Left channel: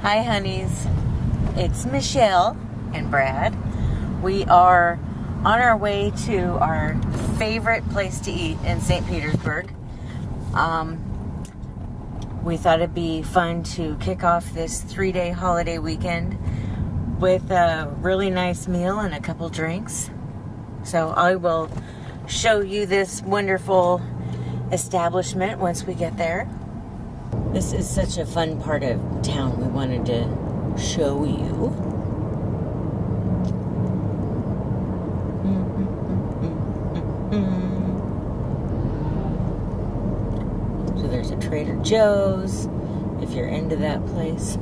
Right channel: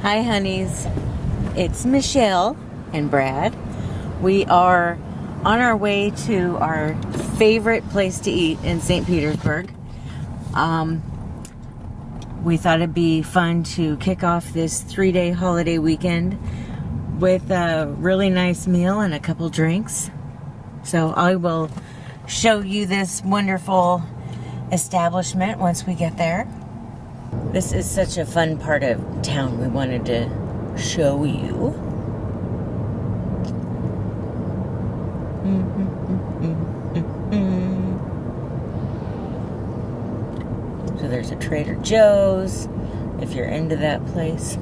Hi, honeys. It's Michelle and Brad. We are on our way to our favorite place to eat in St. Petersburg. We thought it'd be fun to kick off this 3-day holiday weekend with a really nice meal and a couple drinks. So I will show you this wonderful establishment once we get there. This is such a fun part of town we wanted to show you. So there's a Trader Joe's, if you're into that place.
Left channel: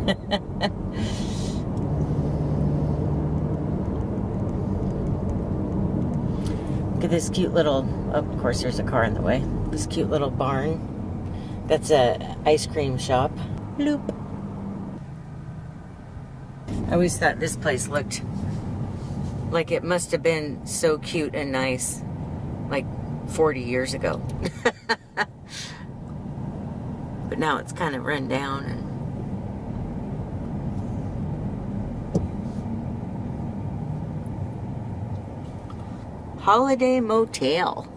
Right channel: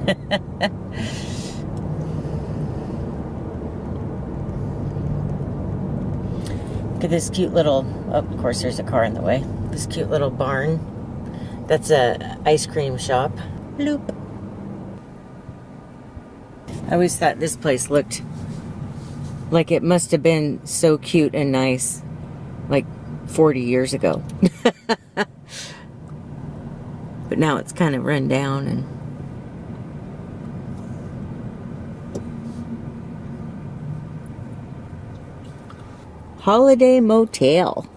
Look at this cute little, oh, of course there's a car in the way. This cute little barn. That's a ice cream shop. Bloop. I always thought this place looked like it must have been so cute and nice like 40 years ago. But now it's kind of run down and Holiday Motel.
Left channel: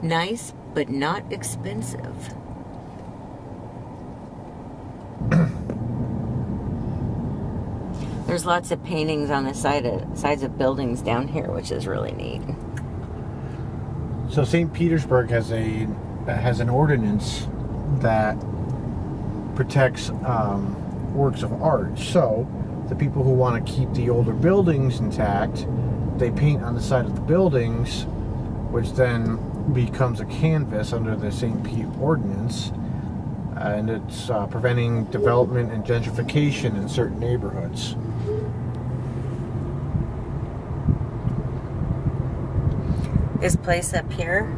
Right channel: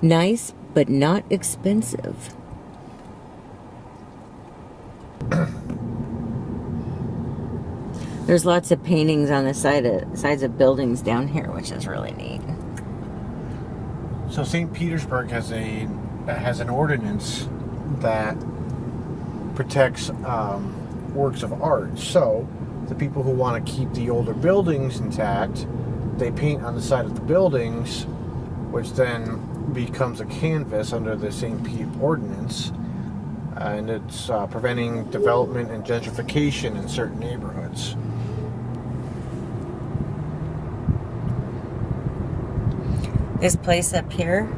Nice, but not expensive. There's lots of paintings on the sides of buildings down here, which is really neat. So St. Petersburg has an ordinance that protects works of art. So the people who want to keep the older buildings intact, they paint on the side of the buildings, which then becomes a canvas under the St. Pete ordinance, and it's preventing development and gentrification in certain neighborhoods. This place up here,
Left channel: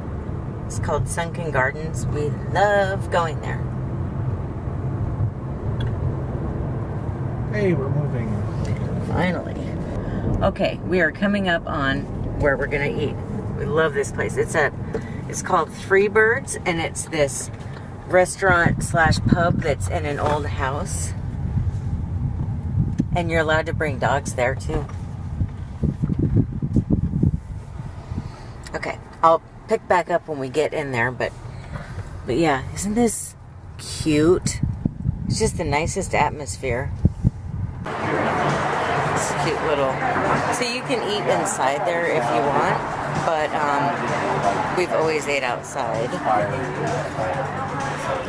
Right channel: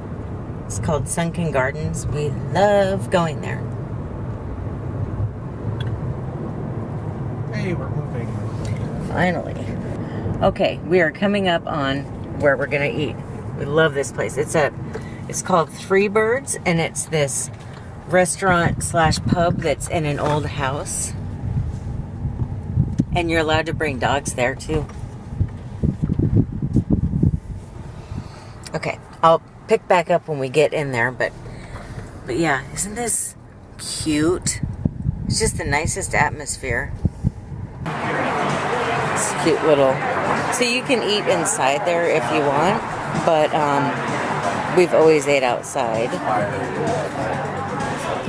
it's called Sunken Gardens. We love going there. Hey, we're moving. Finally. Okay, we are coming up on where we're gonna eat. We love this place. It's called Three Birds, and it's this restaurant slash pub that's in an old house. And you're allowed to bring dogs there too. Okay, I'll pick back up when we get in there, but yeah, isn't this cute? It's just the nicest atmosphere. It's cute little. So you can eat inside there if you want, but we've always ate outside.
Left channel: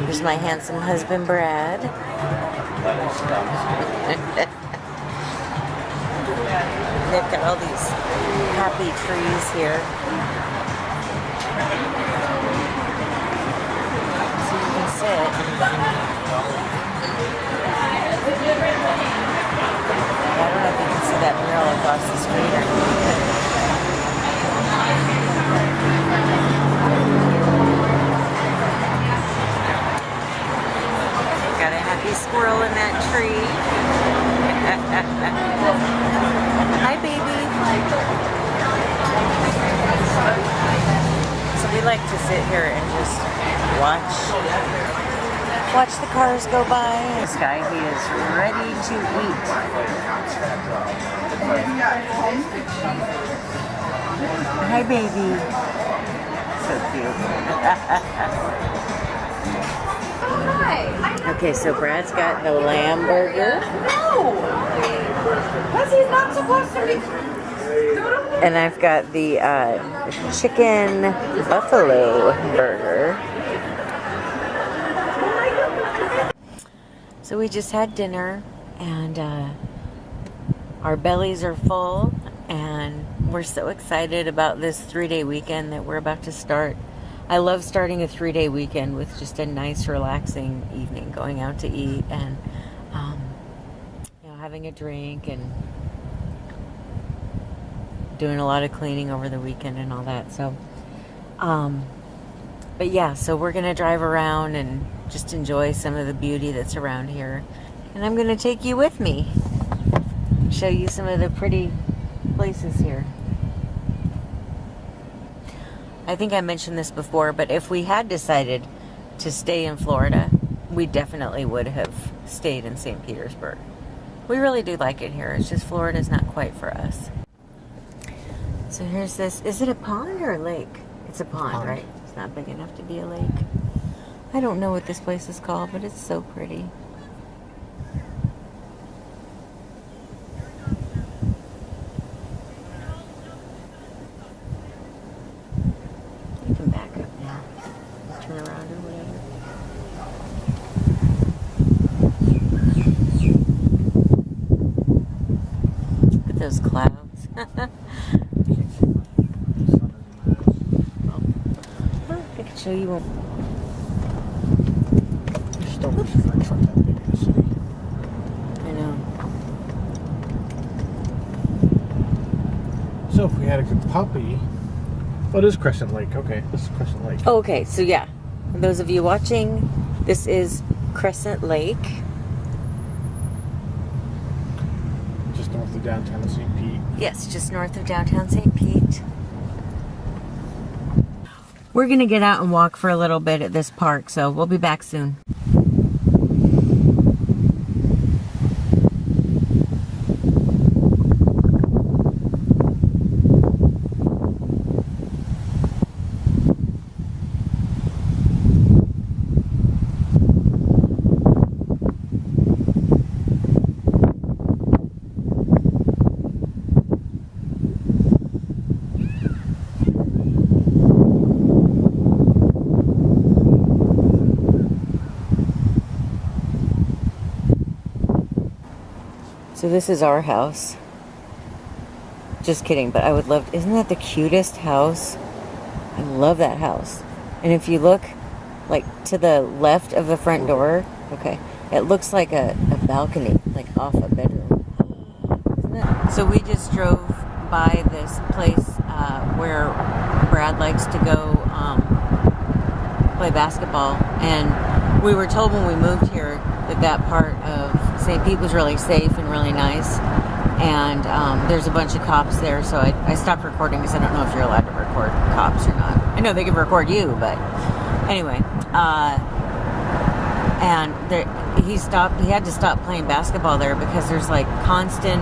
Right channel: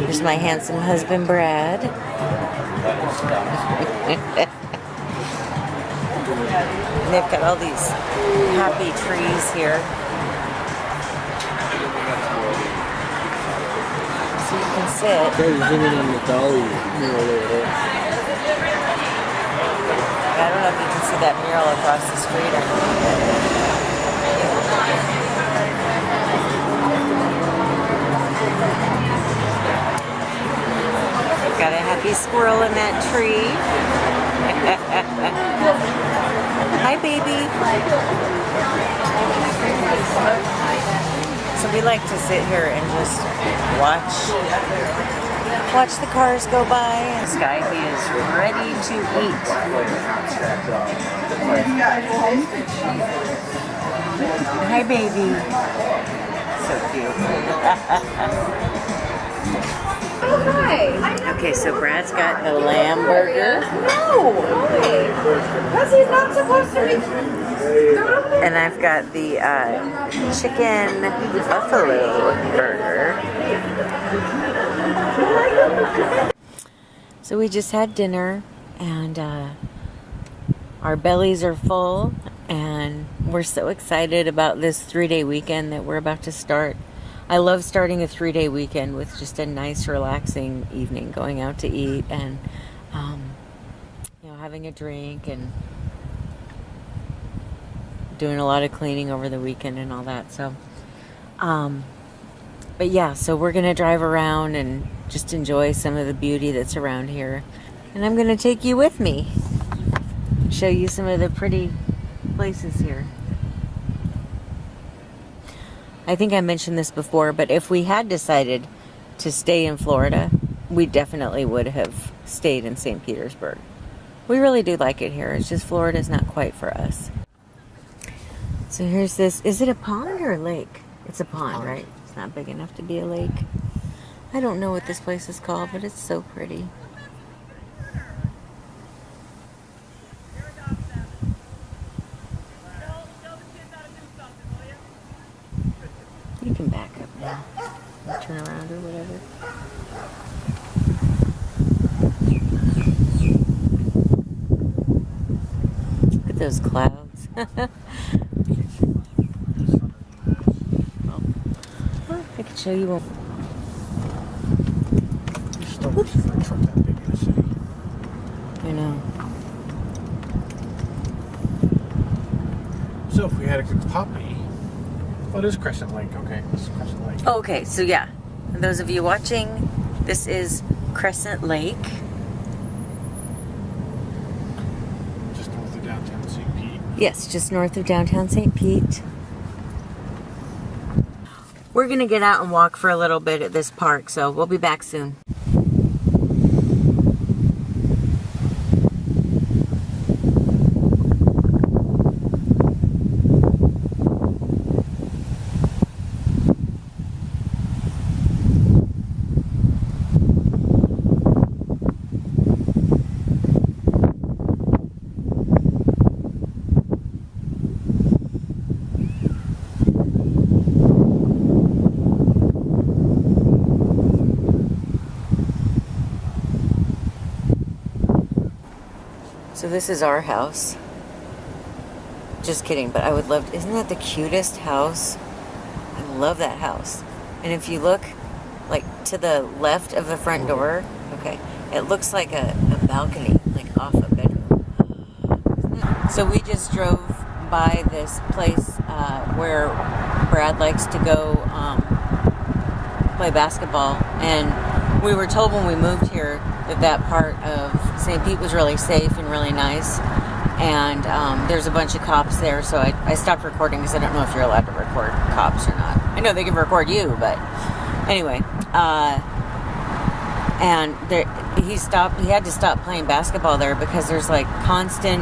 Here's my handsome husband, Brad. They've got all these happy trees here. So you can sit. I don't know if you can see that mural across the street or not. Got a happy squirrel in that tree. Hi, baby. So we like to sit here and just watch the cars go by. Skyby is ready to eat. Hi, baby. So cute. Okay, so Brad's got the lamb burger. No! Because he's not supposed to be. And I've got the chicken buffalo burger. So we just had dinner, and our bellies are full, and we're so excited about this 3-day weekend that we're about to start. I love starting a 3-day weekend with just a nice, relaxing evening, going out to eat and, having a drink and doing a lot of cleaning over the weekend and all that. So, but yeah, so we're going to drive around and just enjoy some of the beauty that's around here. And I'm going to take you with me, show you some of the pretty places here. I think I mentioned this before, but if we had decided to stay in Florida, we definitely would have stayed in St. Petersburg. We really do like it here. It's just Florida's not quite for us. So here's this. Is it a pond or a lake? It's a pond, right? It's not big enough to be a lake. I don't know what this place is called, but it's so pretty. You can back up now. Turn around or whatever. Look at those clouds. Well, I can show you one. Just don't wish French like that big in the city. I know. So if we had a good puppy, oh, it is Crescent Lake. Okay, this is Crescent Lake. Oh, okay, so yeah, and those of you watching, this is Crescent Lake. Just north of downtown St. Pete. Yes, just north of downtown St. Pete. We're going to get out and walk for a little bit at this park, so we'll be back soon. So this is our house. Just kidding, but I would love, isn't that the cutest house? I love that house. And if you look like to the left of the front door, okay, it looks like a balcony, like off a bedroom. So we just drove by this place where Brad likes to go play basketball, and we were told when we moved here that part of St. Pete was really safe and really nice, and there's a bunch of cops there, so I stopped recording because I don't know if you're allowed to record cops or not. I know they can record you, but anyway, and he had to stop playing basketball there because there's like constant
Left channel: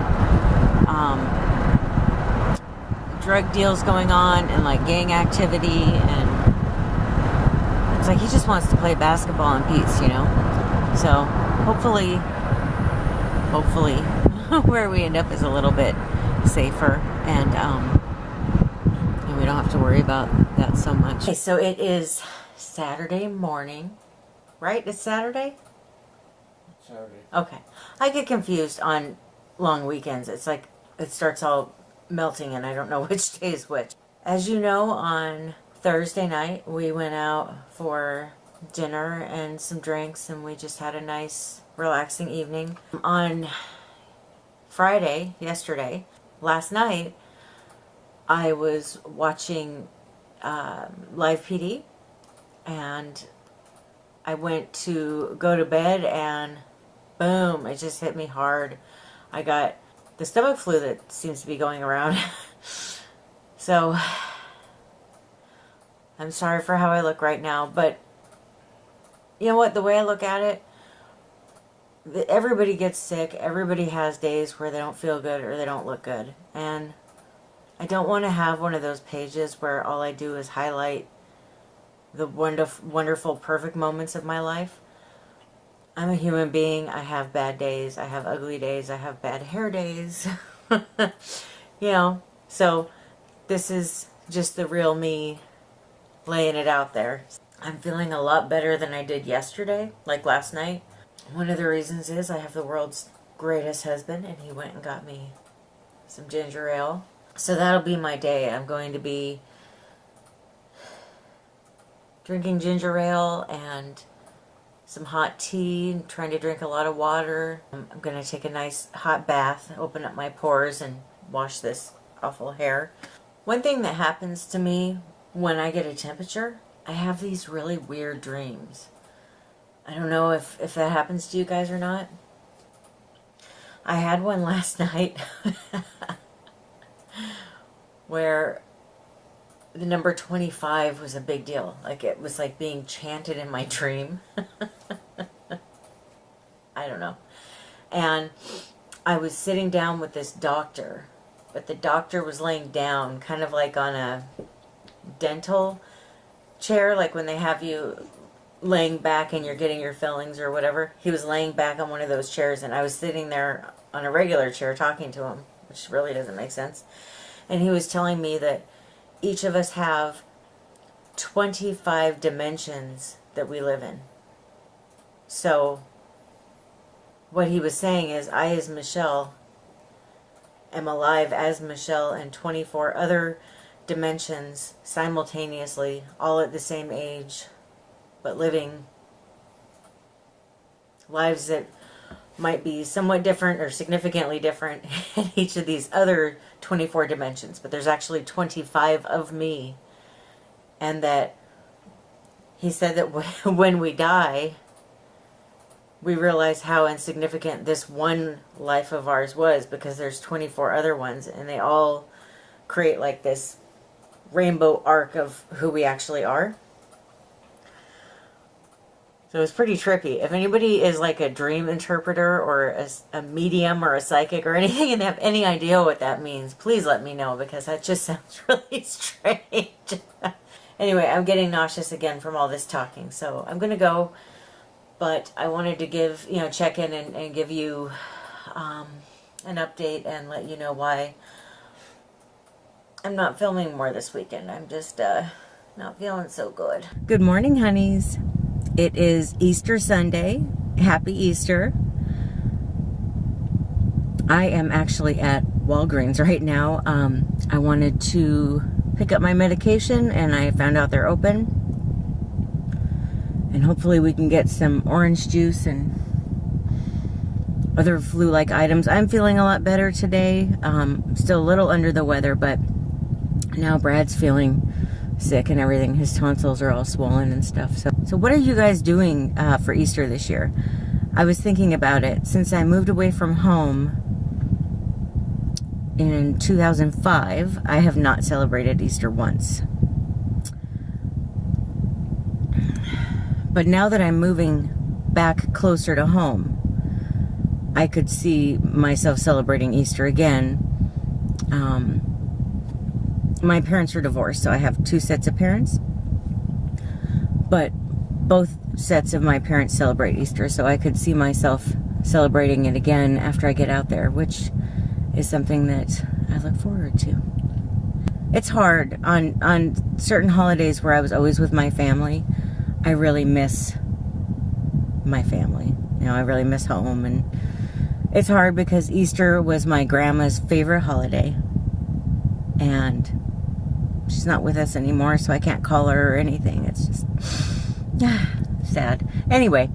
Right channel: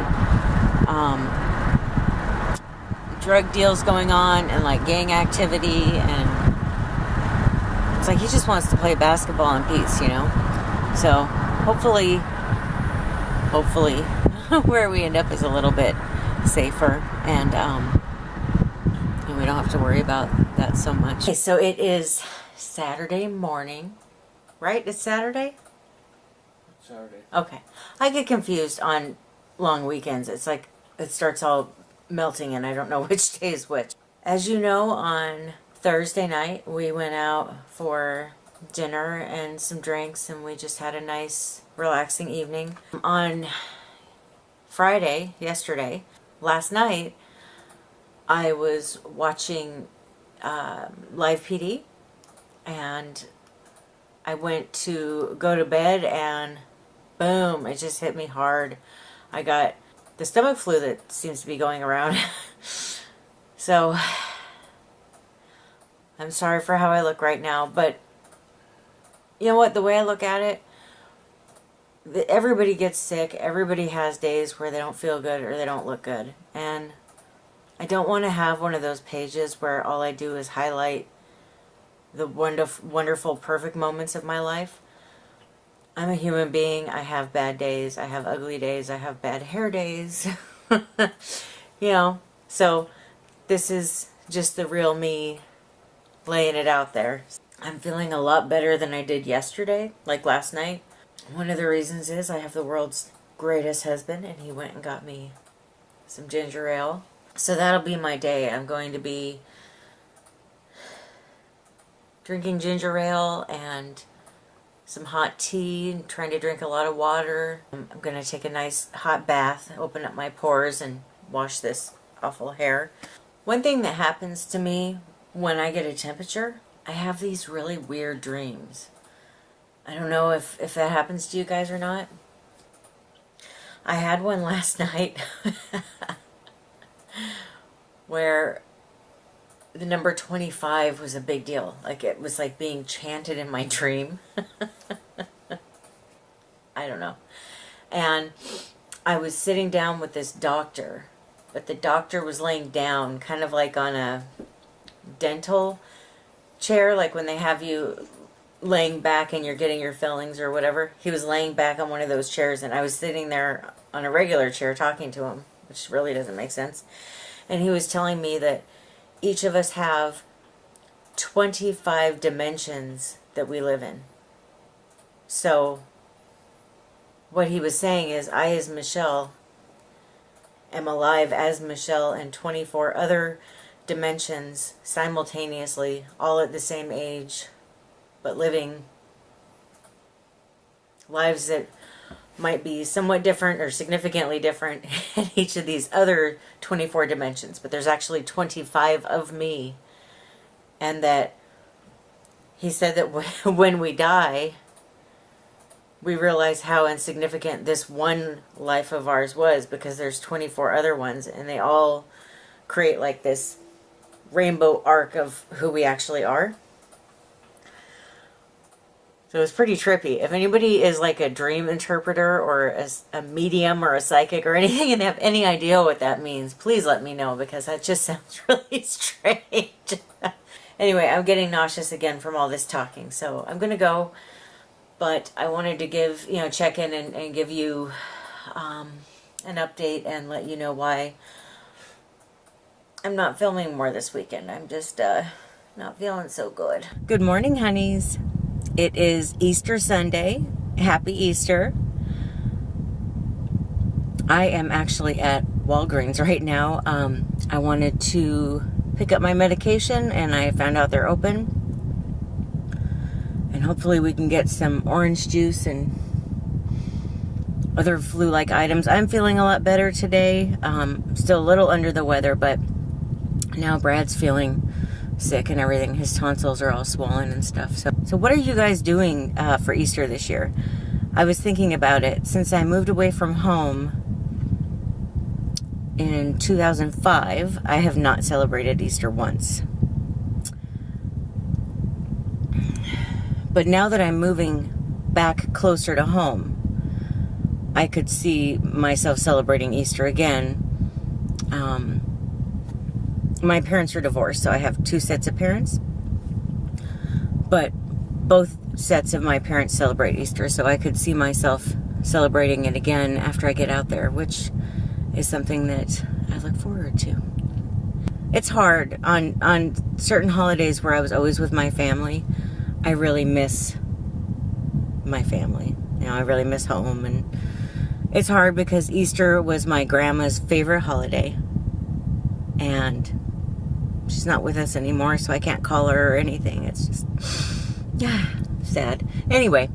drug deals going on and like gang activity, and it's like he just wants to play basketball in peace, you know. So hopefully where we end up is a little bit safer, and we don't have to worry about that so much. Okay, so it is Saturday morning, right? It's Saturday? Saturday. Okay. I get confused on long weekends. It's like it starts all melting and I don't know which day is which. As you know, on Thursday night we went out for dinner and some drinks, and we just had a nice relaxing evening. On Friday, last night, I was watching Live PD, and I went to go to bed, and boom, it just hit me hard. I got the stomach flu that seems to be going around. So I'm sorry for how I look right now, but you know what? The way I look at it, everybody gets sick. Everybody has days where they don't feel good or they don't look good. And I don't want to have one of those pages where all I do is highlight the wonderful, perfect moments of my life. I'm a human being. I have bad days. I have ugly days. I have bad hair days. You know, so this is just the real me laying it out there. I'm feeling a lot better than I did yesterday, like last night. One of the reasons is I have the world's greatest husband, and he went and got me some ginger ale. So that'll be my day. I'm going to be drinking ginger ale and some hot tea, and trying to drink a lot of water. I'm going to take a nice hot bath, open up my pores, and wash this awful hair. One thing that happens to me when I get a temperature, I have these really weird dreams. I don't know if that happens to you guys or not. I had one last night where the number 25 was a big deal. Like it was like being chanted in my dream. I don't know. And I was sitting down with this doctor, but the doctor was laying down kind of like on a dental chair, like when they have you laying back and you're getting your fillings or whatever. He was laying back on one of those chairs, and I was sitting there on a regular chair talking to him, which really doesn't make sense. And he was telling me that each of us have 25 dimensions that we live in. So what he was saying is, I as Michelle am alive as Michelle in 24 other dimensions simultaneously, all at the same age, but living lives that might be somewhat different or significantly different in each of these other 24 dimensions. But there's actually 25 of me. And that he said that when we die, we realize how insignificant this one life of ours was, because there's 24 other ones, and they all create like this rainbow arc of who we actually are. So it's pretty trippy. If anybody is like a dream interpreter or a medium or a psychic or anything, and they have any idea what that means, please let me know, because that just sounds really strange. Anyway, I'm getting nauseous again from all this talking, so I'm going to go. But I wanted to give, check in and give you an update and let you know why I'm not filming more this weekend. I'm just not feeling so good. Good morning, honeys. It is Easter Sunday. Happy Easter. I am actually at Walgreens right now. I wanted to pick up my medication, and I found out they're open. And hopefully we can get some orange juice and other flu-like items. I'm feeling a lot better today. Still a little under the weather, but now Brad's feeling sick and everything. His tonsils are all swollen and stuff. So what are you guys doing for Easter this year? I was thinking about it. Since I moved away from home in 2005, I have not celebrated Easter once. But now that I'm moving back closer to home, I could see myself celebrating Easter again. My parents were divorced, so I have two sets of parents. But both sets of my parents celebrate Easter, so I could see myself celebrating it again after I get out there, which is something that I look forward to. It's hard on certain holidays where I was always with my family. I really miss my family. I really miss home, and it's hard because Easter was my grandma's favorite holiday, and she's not with us anymore, so I can't call her or anything. It's just sad. Anyway,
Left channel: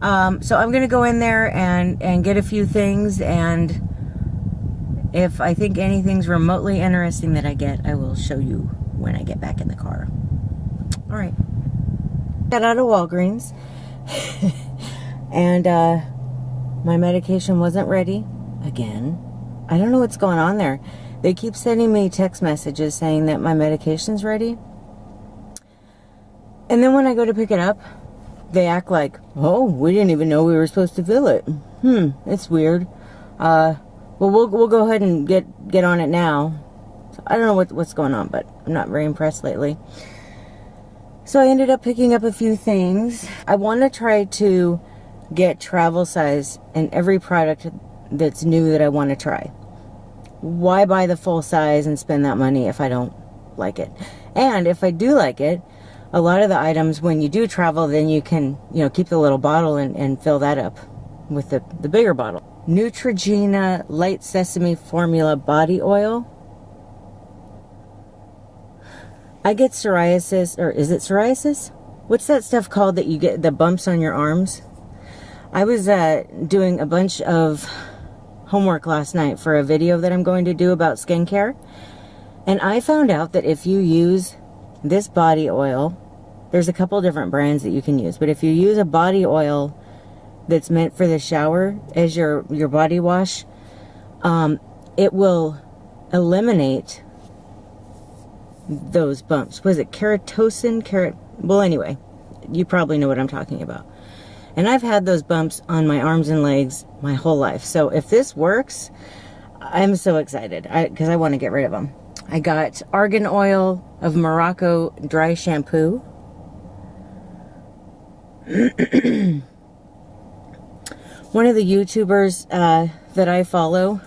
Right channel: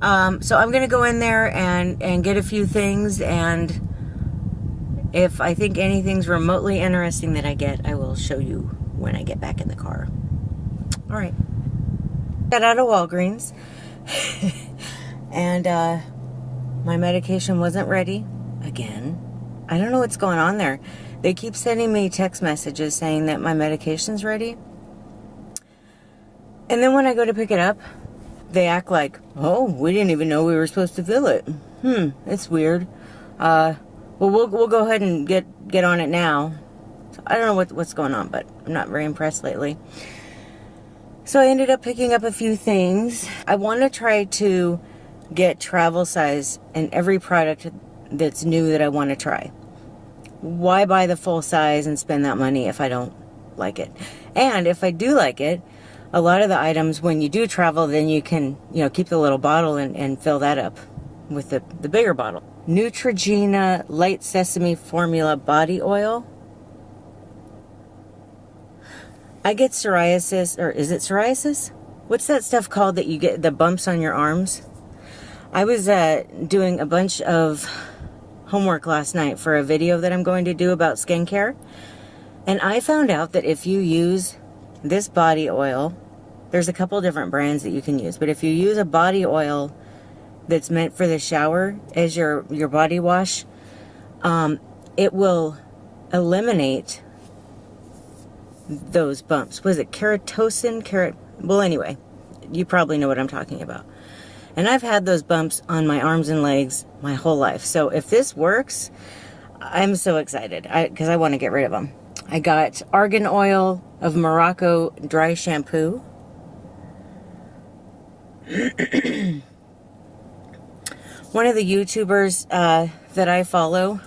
so I'm gonna go in there and get a few things, and if I think anything's remotely interesting that I get, I will show you when I get back in the car. All right. Got out of Walgreens and my medication wasn't ready again. I don't know what's going on there. They keep sending me text messages saying that my medication's ready, and then when I go to pick it up, they act like, oh, we didn't even know we were supposed to fill it. It's weird. Well, we'll go ahead and get on it now. So I don't know what's going on, but I'm not very impressed lately. So I ended up picking up a few things. I want to try to get travel size in every product that's new that I want to try. Why buy the full size and spend that money if I don't like it? And if I do like it, a lot of the items, when you do travel, then you can, keep the little bottle and fill that up with the bigger bottle. Neutrogena Light Sesame Formula Body Oil. I get psoriasis, or is it psoriasis? What's that stuff called that you get the bumps on your arms? I was doing a bunch of homework last night for a video that I'm going to do about skincare. And I found out that if you use this body oil, there's a couple different brands that you can use. But if you use a body oil that's meant for the shower as your body wash, it will eliminate those bumps. Was it keratosis? Well, anyway, you probably know what I'm talking about. And I've had those bumps on my arms and legs my whole life. So if this works, I'm so excited because I want to get rid of them. I got Argan Oil of Morocco dry shampoo. One of the YouTubers that I follow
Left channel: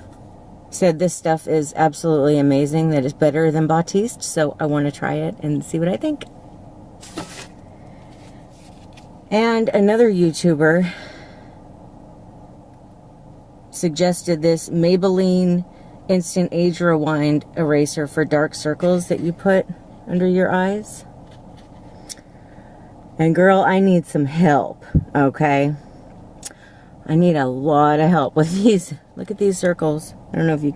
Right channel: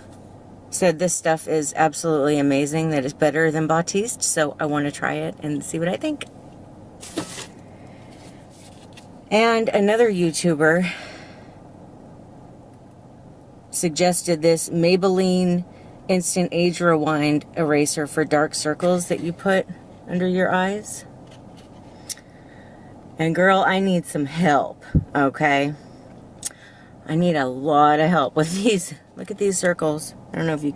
said this stuff is absolutely amazing, that it's better than Batiste, so I want to try it and see what I think. And another YouTuber suggested this Maybelline Instant Age Rewind eraser for dark circles that you put under your eyes. And girl, I need some help, okay? I need a lot of help with these. Look at these circles. I don't know if you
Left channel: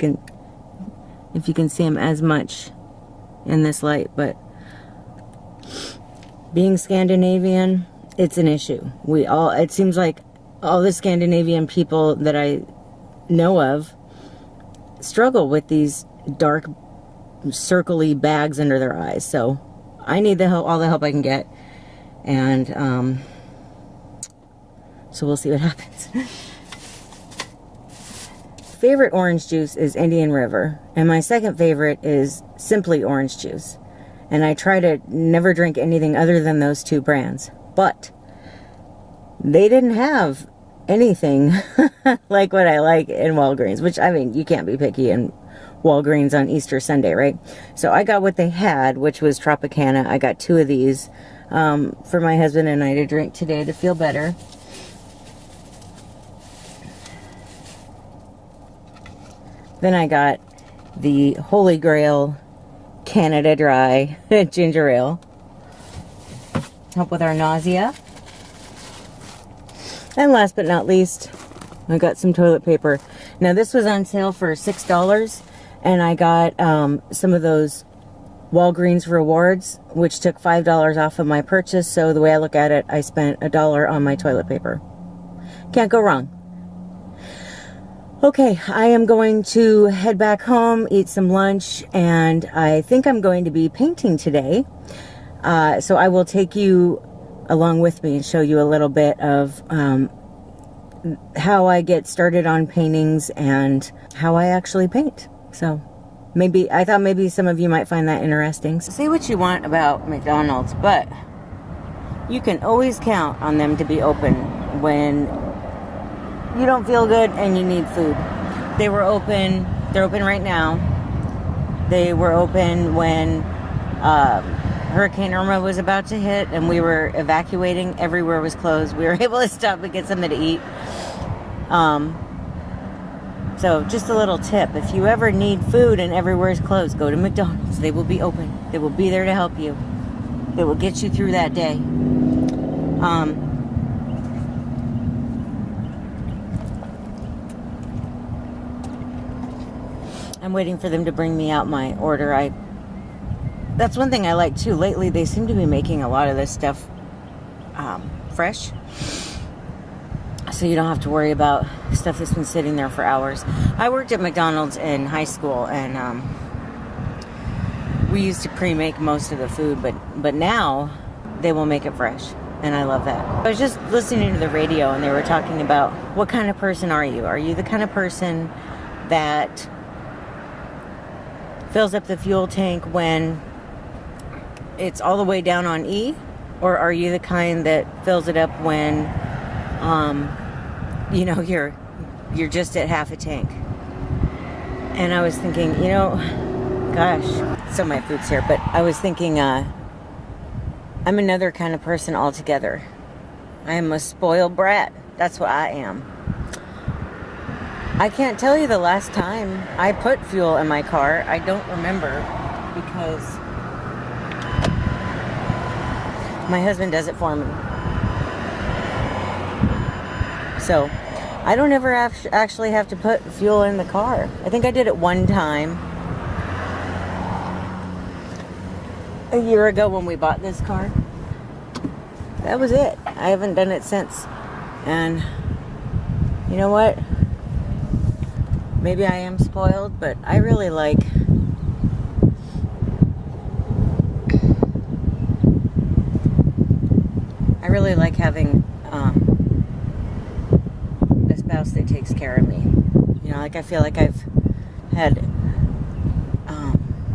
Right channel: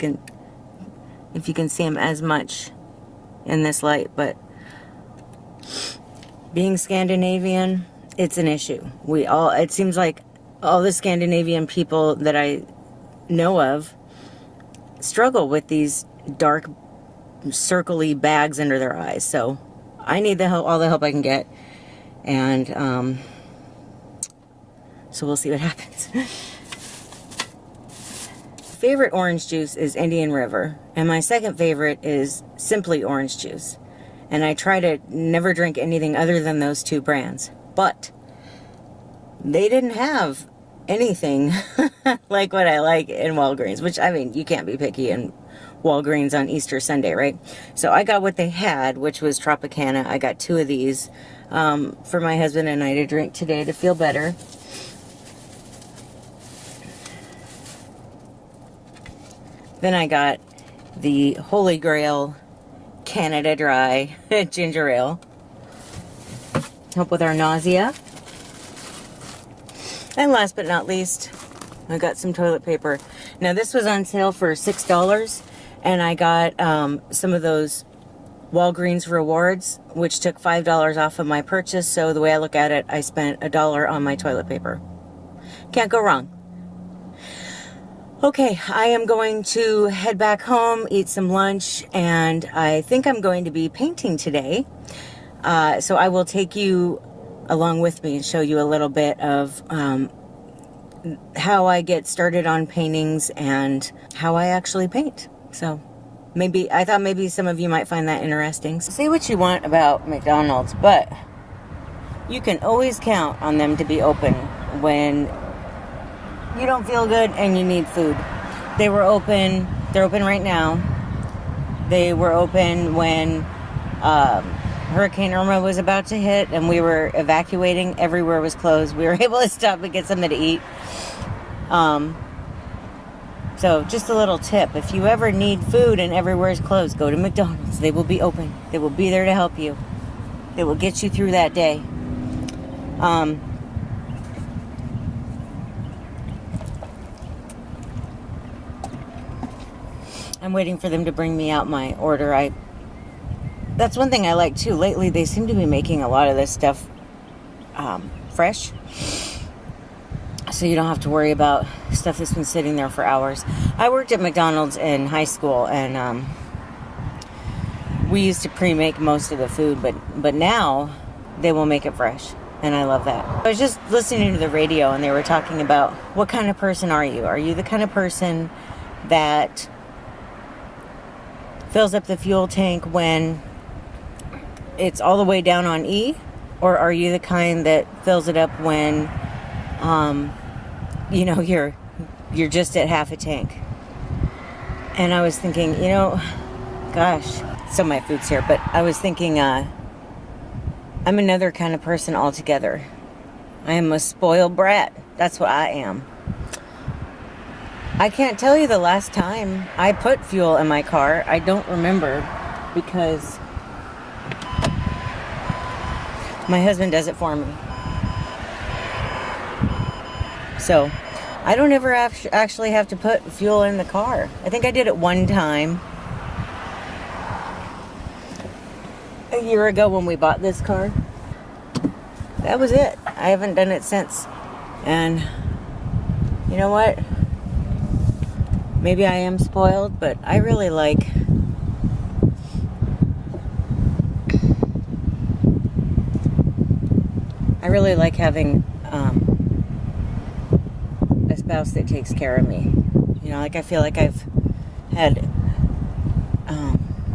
can see them as much in this light, but being Scandinavian, it's an issue. It seems like all the Scandinavian people that I know of struggle with these dark, circle-y bags under their eyes. So I need the help, all the help I can get. And so we'll see what happens. Favorite orange juice is Indian River. And my second favorite is Simply Orange Juice. And I try to never drink anything other than those two brands. But they didn't have anything like what I like in Walgreens, which, I mean, you can't be picky in Walgreens on Easter Sunday, right? So I got what they had, which was Tropicana. I got 2 of these for my husband and I to drink today to feel better. Then I got the Holy Grail Canada Dry ginger ale. Help with our nausea. And last but not least, I got some toilet paper. Now this was on sale for $6, and I got some of those Walgreens rewards, which took $5 off of my purchase. So the way I look at it, I spent $1 on my toilet paper. Can't go wrong. Okay, I am going to head back home, eat some lunch, and I think I'm going to be painting today. So I will take you along with me and show you a little bit of how I get started on paintings and how I actually paint. So I thought maybe some of you might find that interesting. So say what you want about McDonald's, but you can always count on them to be open when you don't feel good and you need food. They're open right now. They were open when Hurricane Irma was about to hit and we were evacuating. Everywhere was closed. We were able to stop and get something to eat. So just a little tip. If you ever need food and everywhere is closed, go to McDonald's. They will be open. They will be there to help you. They will get you through that day. I'm waiting for them to bring me out my order. That's one thing I like too. Lately, they seem to be making a lot of this stuff fresh. So you don't have to worry about stuff that's been sitting there for hours. I worked at McDonald's in high school, and we used to pre-make most of the food, but now they will make it fresh, and I love that. I was just listening to the radio, and they were talking about what kind of person are you? Are you the kind of person that fills up the fuel tank when it's all the way down on E, or are you the kind that fills it up when you're just at half a tank? And I was thinking, gosh, so my food's here, but I was thinking I'm another kind of person altogether. I am a spoiled brat. That's what I am. I can't tell you the last time I put fuel in my car. I don't remember, because my husband does it for me. So I don't ever actually have to put fuel in the car. I think I did it one time a year ago when we bought this car. That was it. I haven't done it since. And you know what? Maybe I am spoiled, but I really like having spouse that takes care of me. You know, like I feel like I've had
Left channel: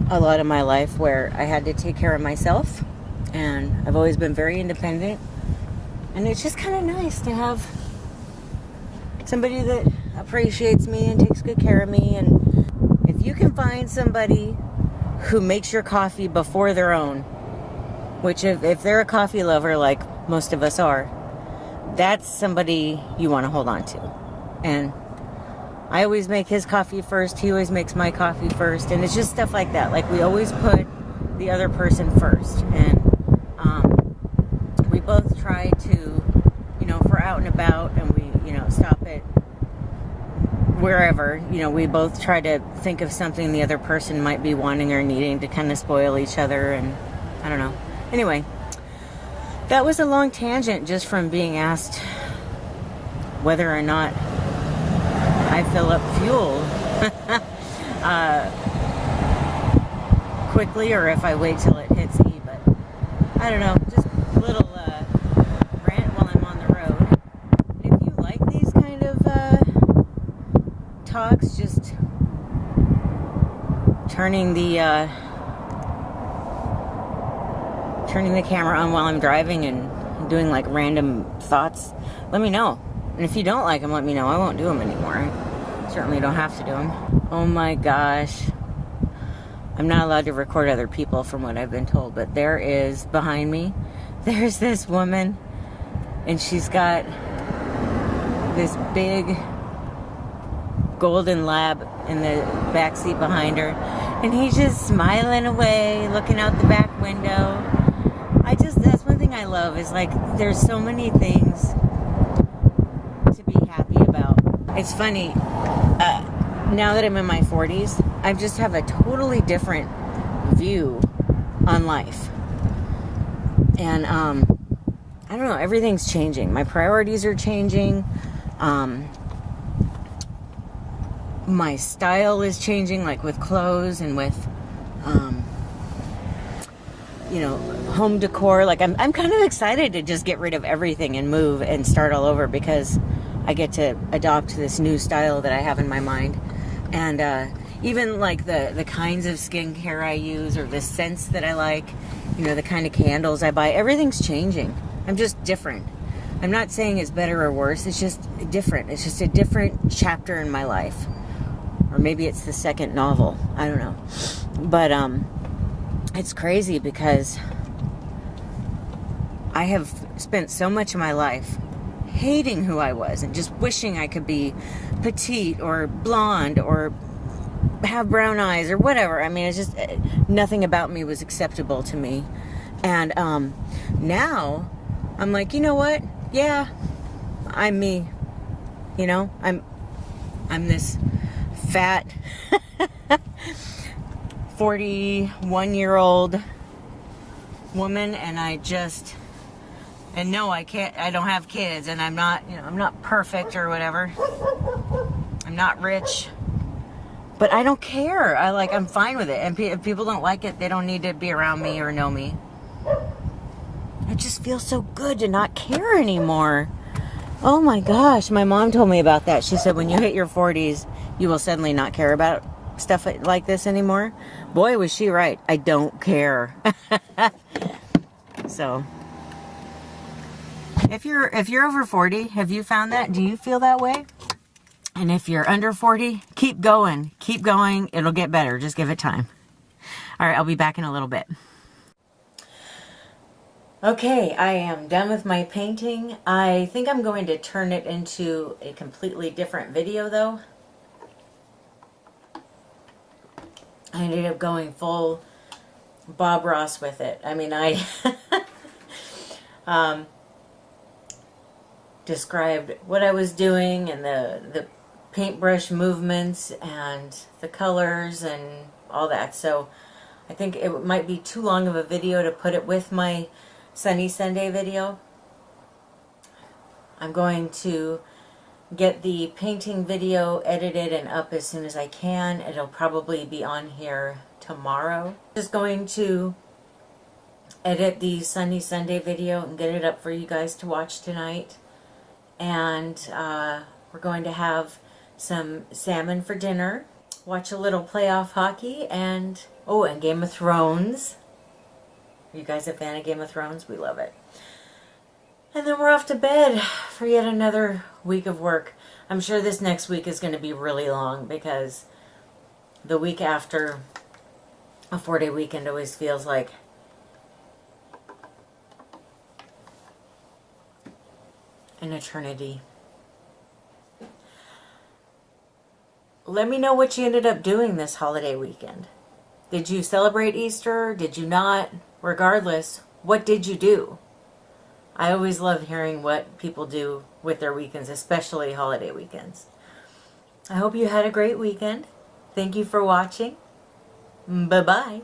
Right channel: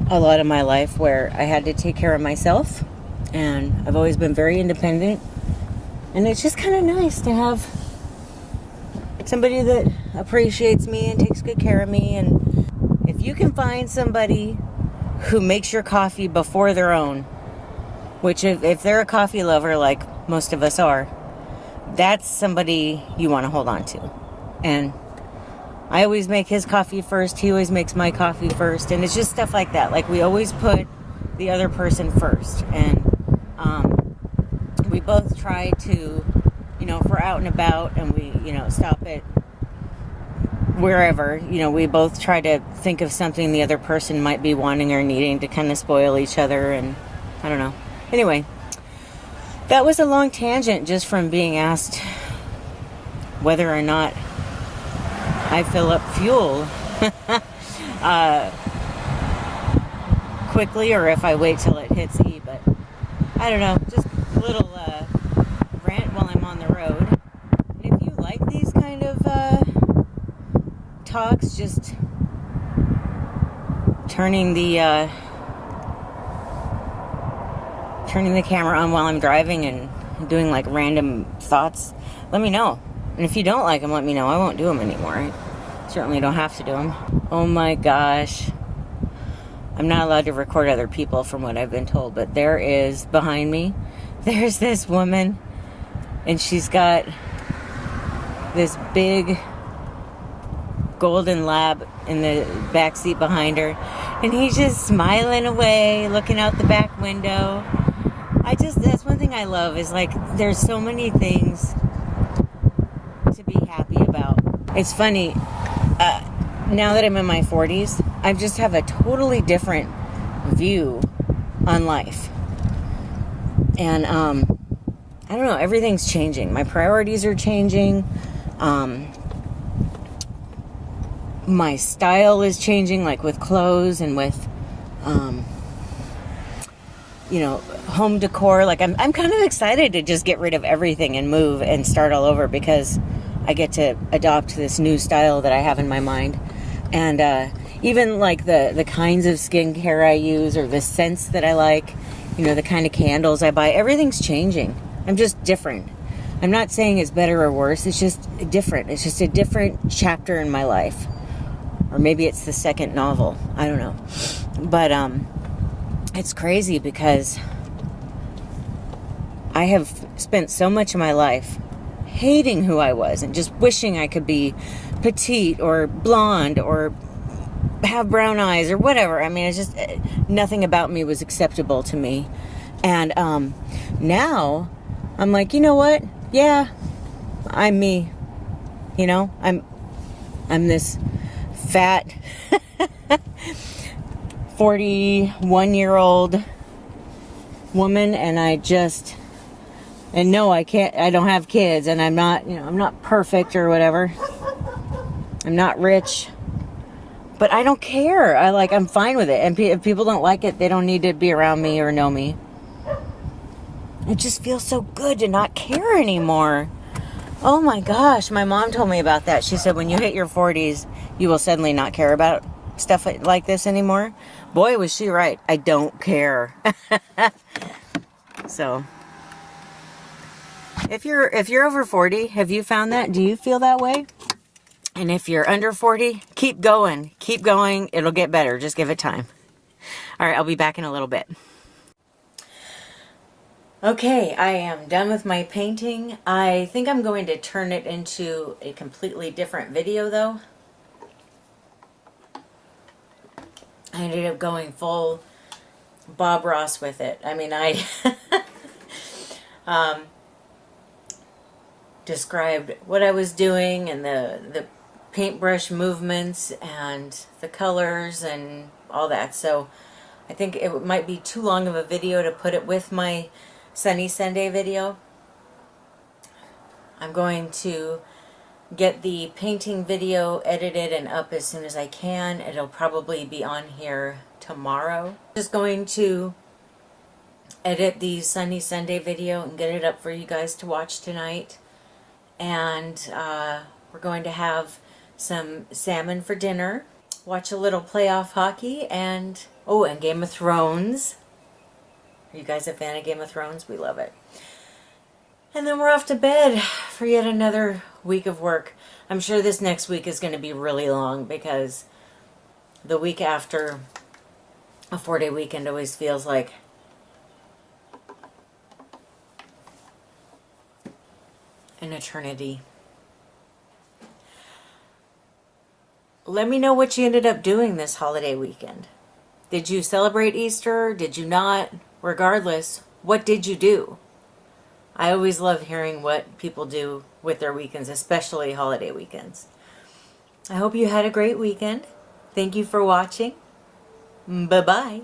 a lot of my life where I had to take care of myself, and I've always been very independent, and it's just kind of nice to have somebody that appreciates me and takes good care of me. And if you can find somebody who makes your coffee before their own, which if they're a coffee lover like most of us are, that's somebody you want to hold on to. And I always make his coffee first. He always makes my coffee first. And it's just stuff like that. Like, we always put the other person first. And we both try to, you know, if we're out and about and we, you know, stop at wherever, you know, we both try to think of something the other person might be wanting or needing to kind of spoil each other. And I don't know. Anyway, that was a long tangent just from being asked whether or not I fill up fuel quickly or if I wait till it hits E. But I don't know, just a little rant while I'm on the road. And if you like these kind of talks, just turning the camera on while I'm driving and doing like random thoughts, let me know. And if you don't like them, let me know. I won't do them anymore. I certainly don't have to do them. Oh my gosh. I'm not allowed to record other people from what I've been told, but there is, behind me, there's this woman, and she's got this big golden lab in the back seat behind her, and he's just smiling away, looking out the back window. That's one thing I love, is like, there's so many things to be happy about. It's funny, now that I'm in my 40s, I just have a totally different view on life. And I don't know, everything's changing. My priorities are changing. My style is changing, like with clothes and with you know, home decor. Like, I'm kind of excited to just get rid of everything and move and start all over, because I get to adopt this new style that I have in my mind. And even like the kinds of skincare I use, or the scents that I like, you know, the kind of candles I buy, everything's changing. I'm just different. I'm not saying it's better or worse. It's just different. It's just a different chapter in my life. Or maybe it's the second novel. I don't know. But it's crazy, because I have spent so much of my life hating who I was and just wishing I could be petite or blonde or have brown eyes or whatever. I mean, it's just, nothing about me was acceptable to me. And now I'm like, you know what? Yeah, I'm me. You know, I'm this fat 41-year-old woman, and no, I don't have kids, and I'm not, you know, I'm not perfect or whatever. I'm not rich, but I don't care. I'm fine with it. And if people don't like it, they don't need to be around me or know me. It just feels so good to not care anymore. Oh my gosh, my mom told me about that. She said when you hit your 40s, you will suddenly not care about stuff like this anymore. Boy, was she right. I don't care. So, if you're over 40, have you found that? Do you feel that way? And if you're under 40, keep going. Keep going. It'll get better. Just give it time. All right, I'll be back in a little bit. Okay, I am done with my painting. I think I'm going to turn it into a completely different video, though. I ended up going full Bob Ross with it. I mean, I described what I was doing and the paintbrush movements and the colors and all that. So I think it might be too long of a video to put it with my Sunny Sunday video. I'm going to get the painting video edited and up as soon as I can. It'll probably be on here tomorrow. Just going to edit the Sunny Sunday video and get it up for you guys to watch tonight. And We're going to have some salmon for dinner, watch a little playoff hockey, and Game of Thrones. Are you guys a fan of Game of Thrones? We love it. And then we're off to bed for yet another week of work. I'm sure this next week is going to be really long because the week after a 4-day weekend always feels like an eternity. Let me know what you ended up doing this holiday weekend. Did you celebrate Easter? Did you not? Regardless, what did you do? I always love hearing what people do with their weekends, especially holiday weekends. I hope you had a great weekend. Thank you for watching. Bye-bye.